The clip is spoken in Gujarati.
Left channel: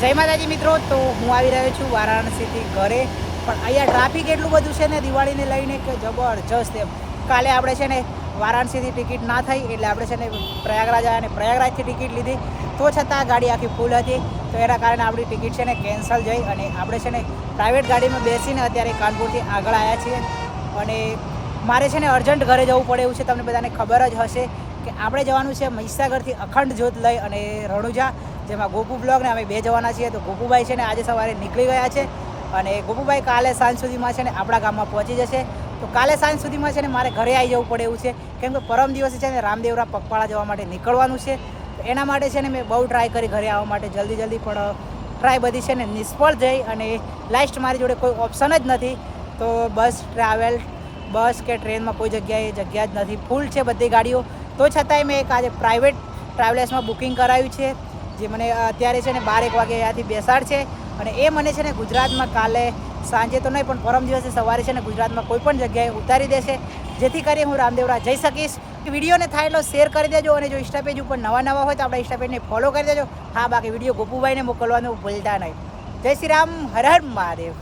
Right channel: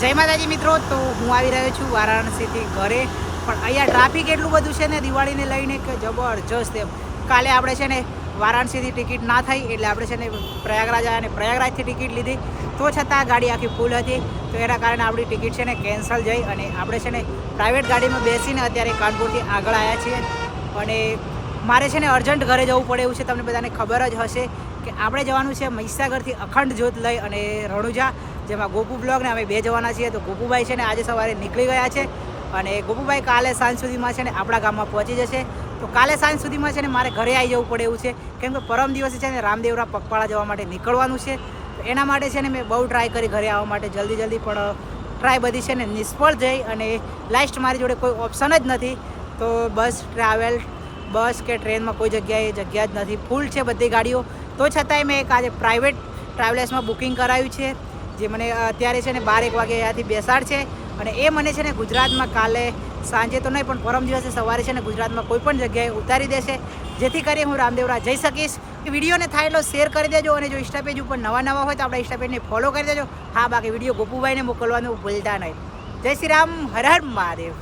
જય માતાજી મિત્રો, તો હું આવી રહ્યો છું વારાણસીથી ઘરે. પણ અહીંયા ટ્રાફિક એટલું બધું છે ને દિવાળીને લઈને કે જબરજસ્ત એમ. કાલે આપણે છે ને વારાણસીથી ટિકિટ ના થઈ એટલે આપણે છે ને પ્રયાગરાજ આવ્યા અને પ્રયાગરાજથી ટિકિટ લીધી, તો છતાં ગાડી આખી ફૂલ હતી. તો એના કારણે આપણી ટિકિટ છે ને કેન્સલ જઈ અને આપણે છે ને પ્રાઇવેટ ગાડીમાં બેસીને અત્યારે કાનપુરથી આગળ આવ્યા છીએ. અને મારે છે ને અર્જન્ટ ઘરે જવું પડે એવું છે. તમને બધાને ખબર જ હશે કે આપણે જવાનું છે મહીસાગરથી અખંડ જ્યોત લઈ અને રણુજા, જેમાં ગોપુ બ્લોગ ને અમે બે જવાના છીએ. તો ગોપુભાઈ છે ને આજે સવારે નીકળી ગયા છે અને ગોપુભાઈ કાલે સાંજ સુધીમાં છે ને આપણા ગામમાં પહોંચી જશે. તો કાલે સાંજ સુધીમાં છે ને મારે ઘરે આવી જવું પડે એવું છે, કેમ કે પરમ દિવસે છે ને રામદેવરા પગપાળા જવા માટે નીકળવાનું છે. તો એના માટે છે ને મેં બહુ ટ્રાય કરી ઘરે આવવા માટે જલ્દી, પણ ટ્રાય બધી છે ને નિષ્ફળ જઈ અને લાસ્ટ મારી જોડે કોઈ ઓપ્શન જ નથી. તો બસ કે ટ્રેનમાં કોઈ જગ્યા જ નથી, ફૂલ છે બધી ગાડીઓ. તો છતાંય મેં એક આજે પ્રાઇવેટ ટ્રાવેલ્સમાં બુકિંગ કરાવ્યું છે, જે મને અત્યારે છે ને 12-1 વાગે અહીંયાથી બેસાડ છે. અને એ મને છે ને ગુજરાતમાં કાલે સાંજે તો નહીં પણ પરમ દિવસે સવારે છે ને ગુજરાતમાં કોઈ પણ જગ્યાએ ઉતારી દેશે, જેથી કરી હું રામદેવરા જઈ શકીશ. વિડીયોને થાય એટલો શેર કરી દેજો અને જો ઇન્સ્ટા પેજ ઉપર નવા હોય તો આપણા ઇન્સ્ટા પેજને ફોલો કરી દેજો. હા, બાકી વિડીયો ગોપુભાઈને મોકલવાનું ભૂલતા નહીં. જય શ્રી રામ, હર હર મહાદેવ.